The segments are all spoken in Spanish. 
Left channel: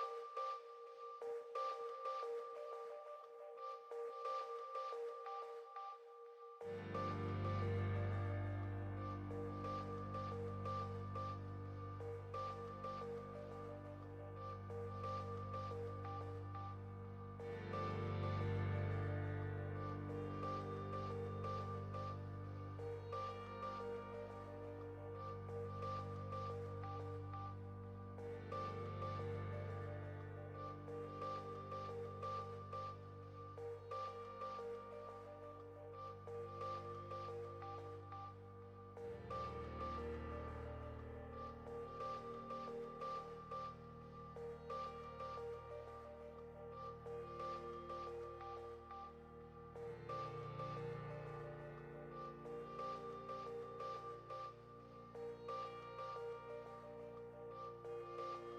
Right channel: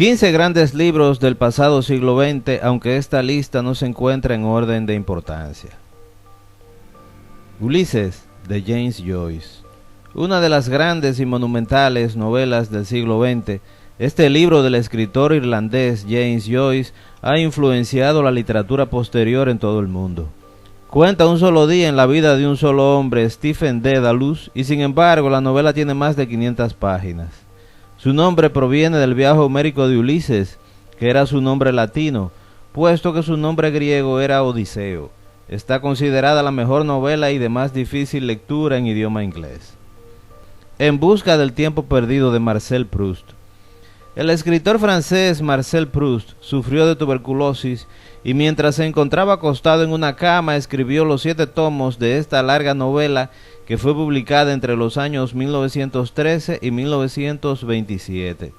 15 grandes libros del pasado siglo XX, aunque esta lista no se encuentra en orden de importancia. Ulises, de James Joyce. Una de las grandes y monumentales novelas del siglo XX, este libro del escritor irlandés James Joyce ha influenciado la literatura posterior en todo el mundo. Cuenta un solo día en la vida de un solo hombre, Stephen Dedalus, y sin embargo la novela tiene más de 500 páginas. Su nombre proviene del viaje homérico de Ulises, que era su nombre latino, puesto que su nombre griego era Odiseo. Está considerada la mejor novela y de más difícil lectura en idioma inglés. En busca del tiempo perdido de Marcel Proust. El escritor francés Marcel Proust sufrió de tuberculosis y mientras se encontraba acostado en una cama escribió los 7 tomos de esta larga novela que fue publicada entre los años 1913 y 1927.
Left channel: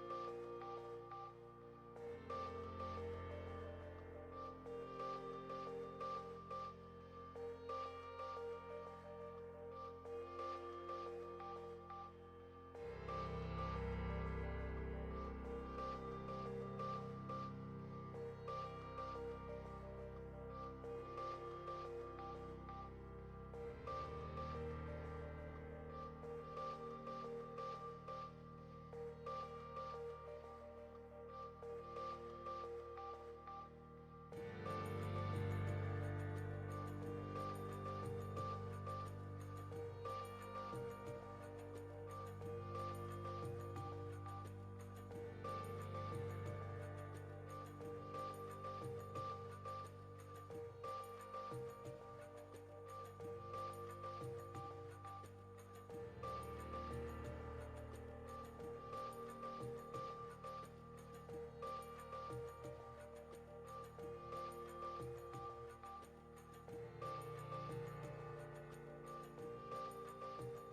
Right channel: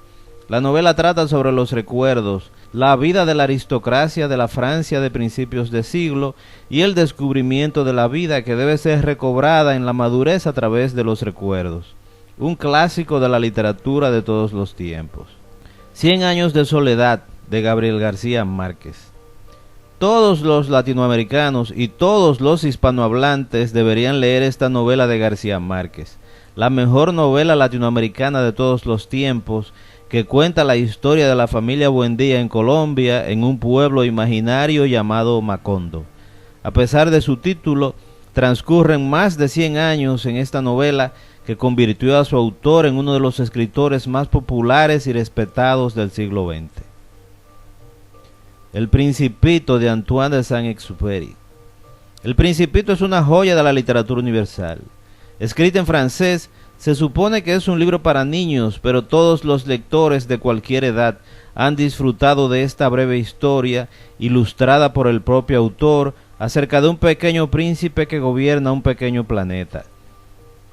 La novela trata sobre los recuerdos, la vida de la aristocracia de la Francia de principios de siglo y el descubrimiento de la vida que debe ser recobrada en la madurez a través de los recuerdos. Un clásico de la literatura de todos los tiempos. 100 años de soledad, de Gabriel García Márquez. Todos los latinoamericanos y todos los hispanohablantes deberían leer esta novela de García Márquez, la mejor novela latinoamericana de todos los tiempos, que cuenta la historia de la familia Buendía en Colombia, en un pueblo imaginario llamado Macondo. A pesar de su título, transcurren más de 100 años en esta novela que convirtió a su autor en uno de los escritores más populares y respetados del siglo XX. El Principito, de Antoine de Saint-Exupéry. El Principito es una joya de la literatura universal. Escrita en francés, se supone que es un libro para niños, pero todos los lectores de cualquier edad han disfrutado de esta breve historia, ilustrada por el propio autor, acerca de un pequeño príncipe que gobierna un pequeño planeta.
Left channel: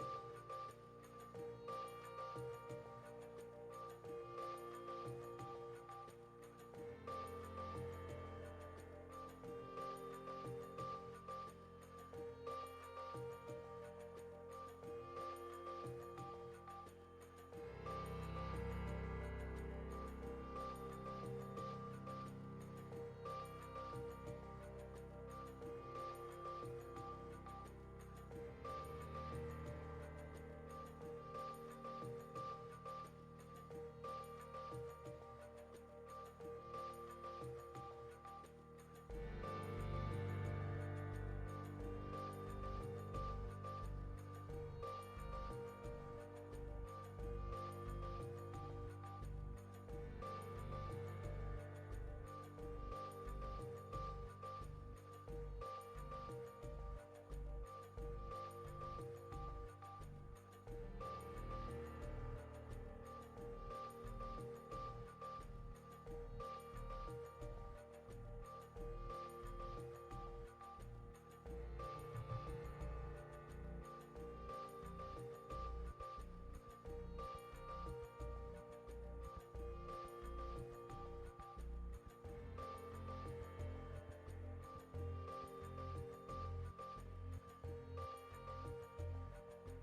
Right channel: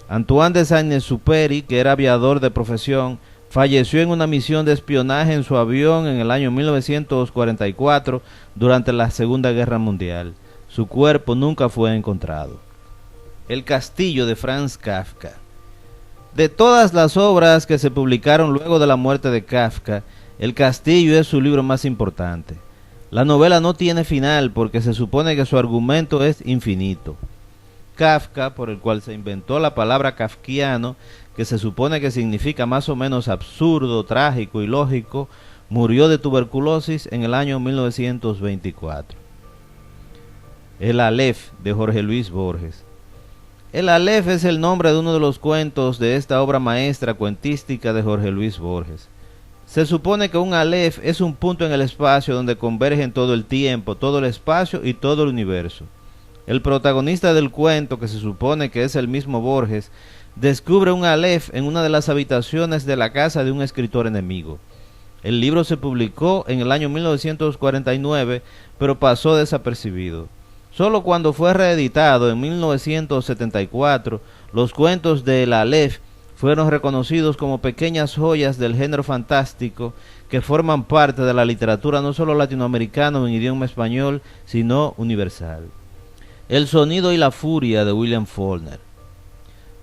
Antoine de Saint-Exupéry, que era aviador de profesión, falleció en una misión de espionaje en su avión en el año 1944 durante la Segunda Guerra Mundial. Su cuerpo nunca fue encontrado. El Castillo, de Franz Kafka. De todas las obras que se publicaron luego de la muerte de Kafka, El Castillo es su libro más importante. La novela no tiene final porque se supone que su argumento es infinito. Kafka, por el cual se inventó la palabra kafkiano, que se supone que significa más o menos absurdo, trágico y lógico, murió de tuberculosis en el año 1924. El Aleph, de Jorge Luis Borges. El Aleph es el nombre de uno de los cuentos de esta obra maestra cuentística de Jorge Luis Borges. Se supone que un Aleph es un punto en el espacio donde convergen todo el tiempo, todo el espacio y todo el universo. El protagonista del cuento, que se supone que es el mismo Borges, descubre un Aleph en una de las habitaciones de la casa de un escritor enemigo. El libro se publicó en el año 1949, pero pasó desapercibido. Solo cuando fue reeditado en 1974, los cuentos de El Aleph fueron reconocidos como pequeñas joyas del género fantástico que forman parte de la literatura no solo latinoamericana en idioma español, sino universal. El sonido y la furia, de William Faulkner.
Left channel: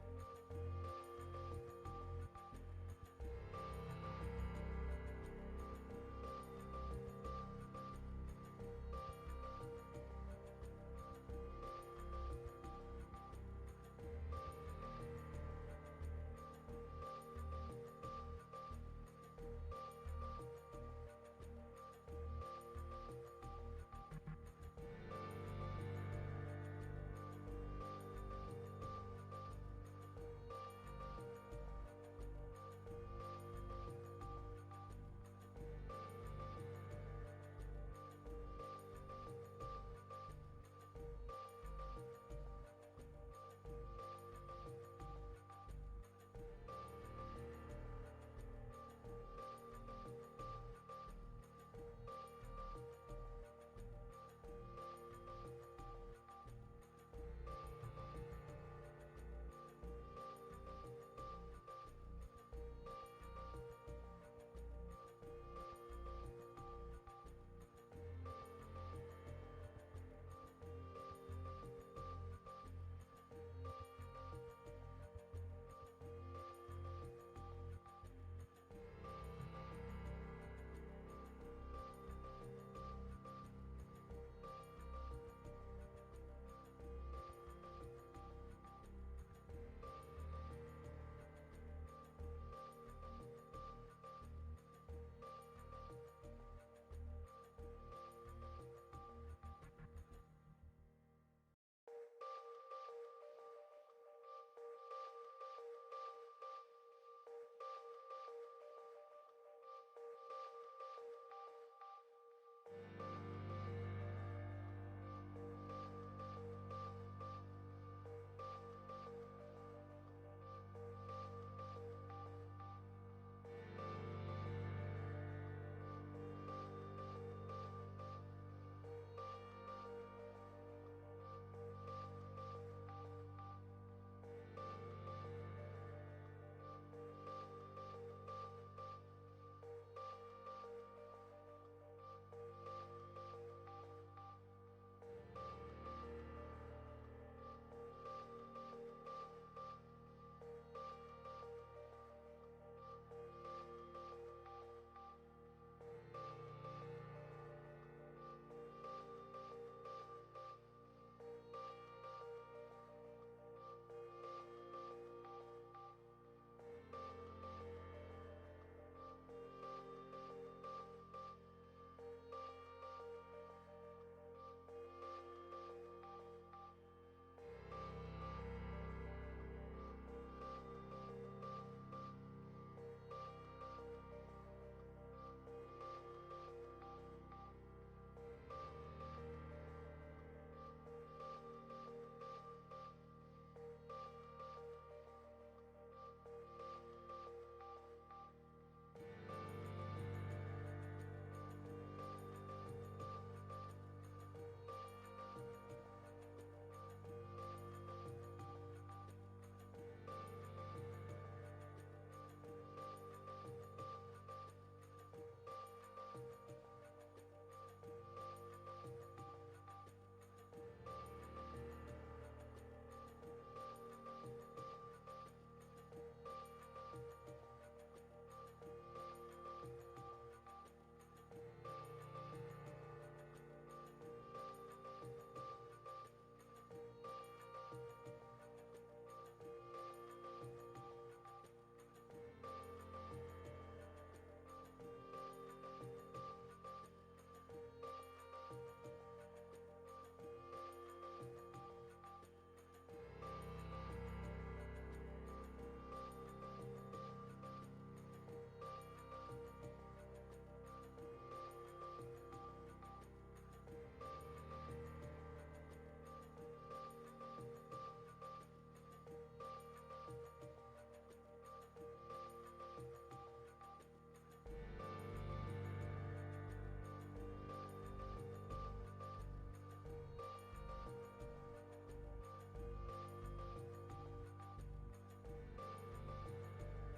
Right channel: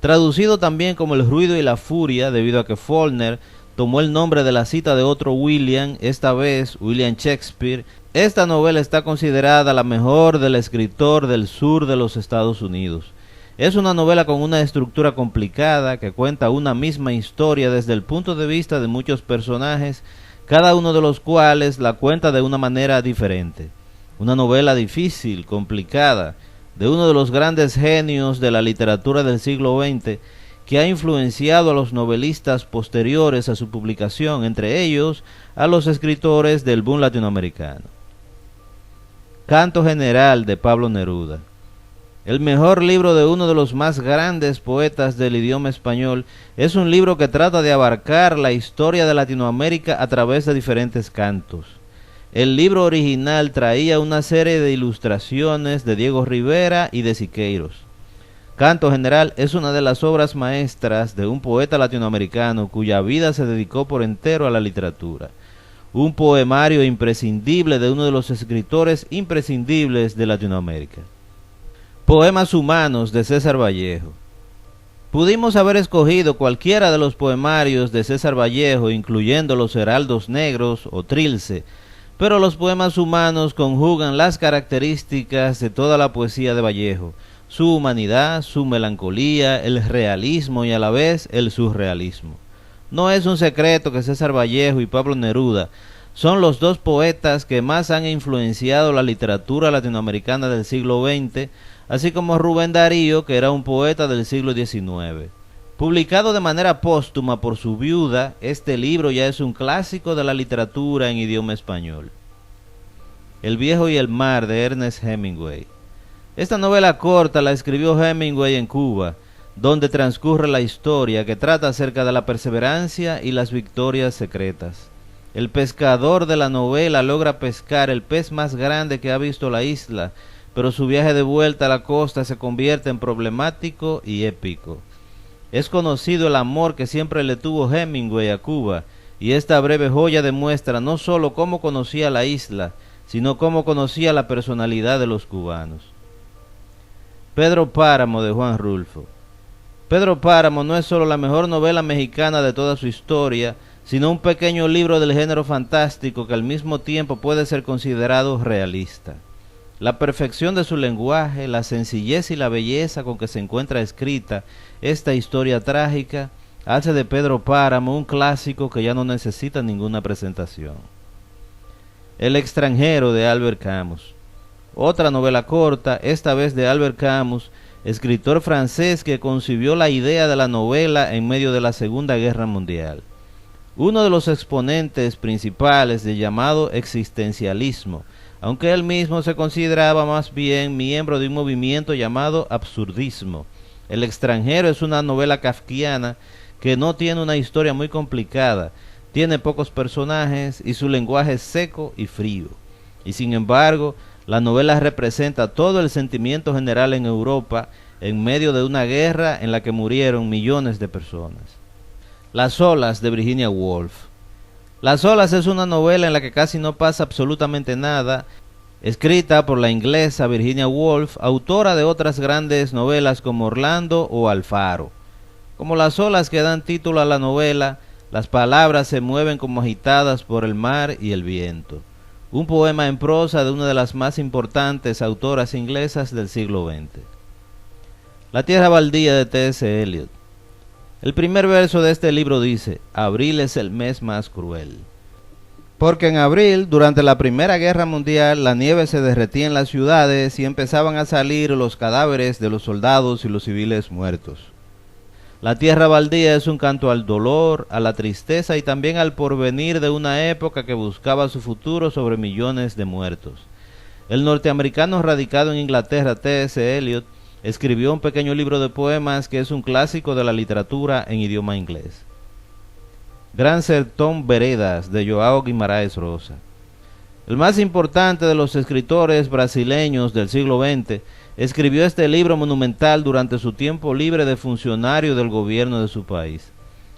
Traducido también como El ruido y la furia, debido a que Faulkner tomó el nombre de la cita de otro William, esta vez William Shakespeare. Esta novela está considerada la mejor del escritor del sur de los Estados Unidos. Es una novela con una estructura complicada que cuenta una misma historia desde el punto de vista de muchos personajes, cada uno de los cuales la cuenta de una manera diferente. Una novela difícil, complicada, de uno de los grandes genios de la literatura del siglo XX, que ha influenciado a los novelistas posteriores a su publicación, entre ellos a los escritores del boom latinoamericano. Canto General, de Pablo Neruda. El mejor libro de uno de los más grandes poetas del idioma español es un libro que trata de abarcar la historia de Latinoamérica a través de diferentes cantos. El libro original traía una serie de ilustraciones de Diego Rivera y de Siqueiros. Canto General es una de las obras maestras de un poeta latinoamericano cuya vida se dedicó por entero a la literatura. Un poemario imprescindible de uno de los escritores imprescindibles de Latinoamérica. Poemas humanos, de César Vallejo. Pudimos haber escogido cualquiera de los poemarios de César Vallejo, incluyendo los Heraldos Negros o Trilce, pero los poemas humanos conjugan las características de toda la poesía de Vallejo, su humanidad, su melancolía, el realismo y a la vez el surrealismo. No es un secreto que César Vallejo y Pablo Neruda son los dos poetas que más han influenciado la literatura latinoamericana del siglo XX, así como Rubén Darío, que era un poeta del siglo XIX. Publicado de manera póstuma por su viuda, este libro ya es un clásico de la literatura en idioma español. El viejo y el mar, de Ernest Hemingway. Esta novela corta la escribió Hemingway en Cuba, donde transcurre la historia que trata acerca de la perseverancia y las victorias secretas. El pescador de la novela logra pescar el pez más grande que ha visto la isla, pero su viaje de vuelta a la costa se convierte en problemático y épico. Es conocido el amor que siempre le tuvo Hemingway a Cuba, y esta breve joya demuestra no solo cómo conocía la isla, sino cómo conocía la personalidad de los cubanos. Pedro Páramo, de Juan Rulfo. Pedro Páramo no es solo la mejor novela mexicana de toda su historia, sino un pequeño libro del género fantástico que al mismo tiempo puede ser considerado realista. La perfección de su lenguaje, la sencillez y la belleza con que se encuentra escrita esta historia trágica, hace de Pedro Páramo un clásico que ya no necesita ninguna presentación. El extranjero, de Albert Camus. Otra novela corta, esta vez de Albert Camus, escritor francés que concibió la idea de la novela en medio de la Segunda Guerra Mundial. Uno de los exponentes principales del llamado existencialismo, aunque él mismo se consideraba más bien miembro de un movimiento llamado absurdismo. El extranjero es una novela kafkiana que no tiene una historia muy complicada, tiene pocos personajes y su lenguaje es seco y frío. Y sin embargo, la novela representa todo el sentimiento general en Europa en medio de una guerra en la que murieron millones de personas. Las olas, de Virginia Woolf. Las olas es una novela en la que casi no pasa absolutamente nada, escrita por la inglesa Virginia Woolf, autora de otras grandes novelas como Orlando o Alfaro. Como las olas que dan título a la novela, las palabras se mueven como agitadas por el mar y el viento. Un poema en prosa de una de las más importantes autoras inglesas del siglo XX. La tierra baldía, de T.S. Eliot. El primer verso de este libro dice: abril es el mes más cruel. Porque en abril, durante la Primera Guerra Mundial, la nieve se derretía en las ciudades y empezaban a salir los cadáveres de los soldados y los civiles muertos. La tierra baldía es un canto al dolor, a la tristeza y también al porvenir de una época que buscaba su futuro sobre millones de muertos. El norteamericano radicado en Inglaterra, T.S. Eliot, escribió un pequeño libro de poemas que es un clásico de la literatura en idioma inglés. Gran Sertón Veredas, de João Guimarães Rosa. El más importante de los escritores brasileños del siglo XX, escribió este libro monumental durante su tiempo libre de funcionario del gobierno de su país.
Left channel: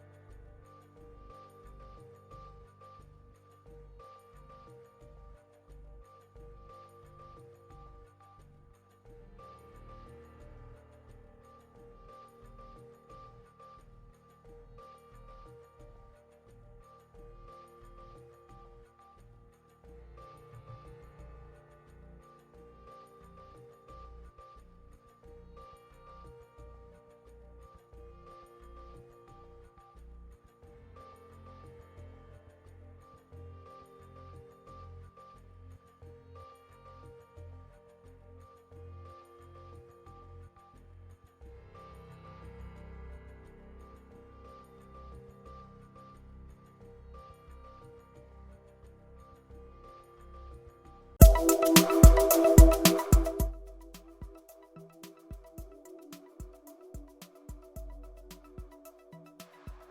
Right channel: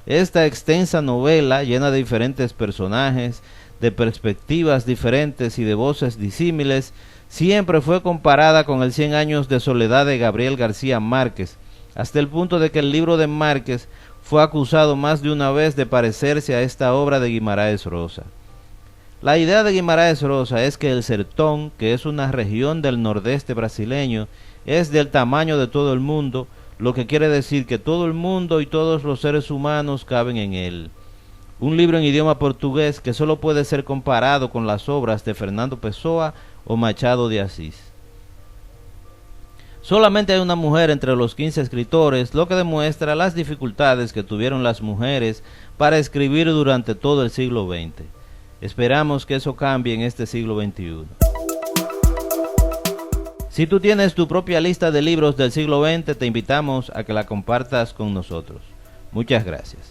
Esta extensa novela, llena de diferentes personajes, de perspectivas diferentes y de voces disímiles, siempre fue comparada con el 100 años de soledad de Gabriel García Márquez, hasta el punto de que el libro de Márquez fue acusado más de una vez de parecerse a esta obra de Guimarães Rosa. La idea de Guimarães Rosa es que el sertón, que es una región del nordeste brasileño, es del tamaño de todo el mundo, lo que quiere decir que todo el mundo y todos los seres humanos caben en él. Un libro en idioma portugués que solo puede ser comparado con las obras de Fernando Pessoa o Machado de Asís. Solamente hay una mujer entre los 15 escritores, lo que demuestra las dificultades que tuvieron las mujeres para escribir durante todo el siglo XX. Esperamos que eso cambie en este siglo XXI. Si tú tienes tu propia lista de libros del siglo XX, te invitamos a que la compartas con nosotros. Muchas gracias.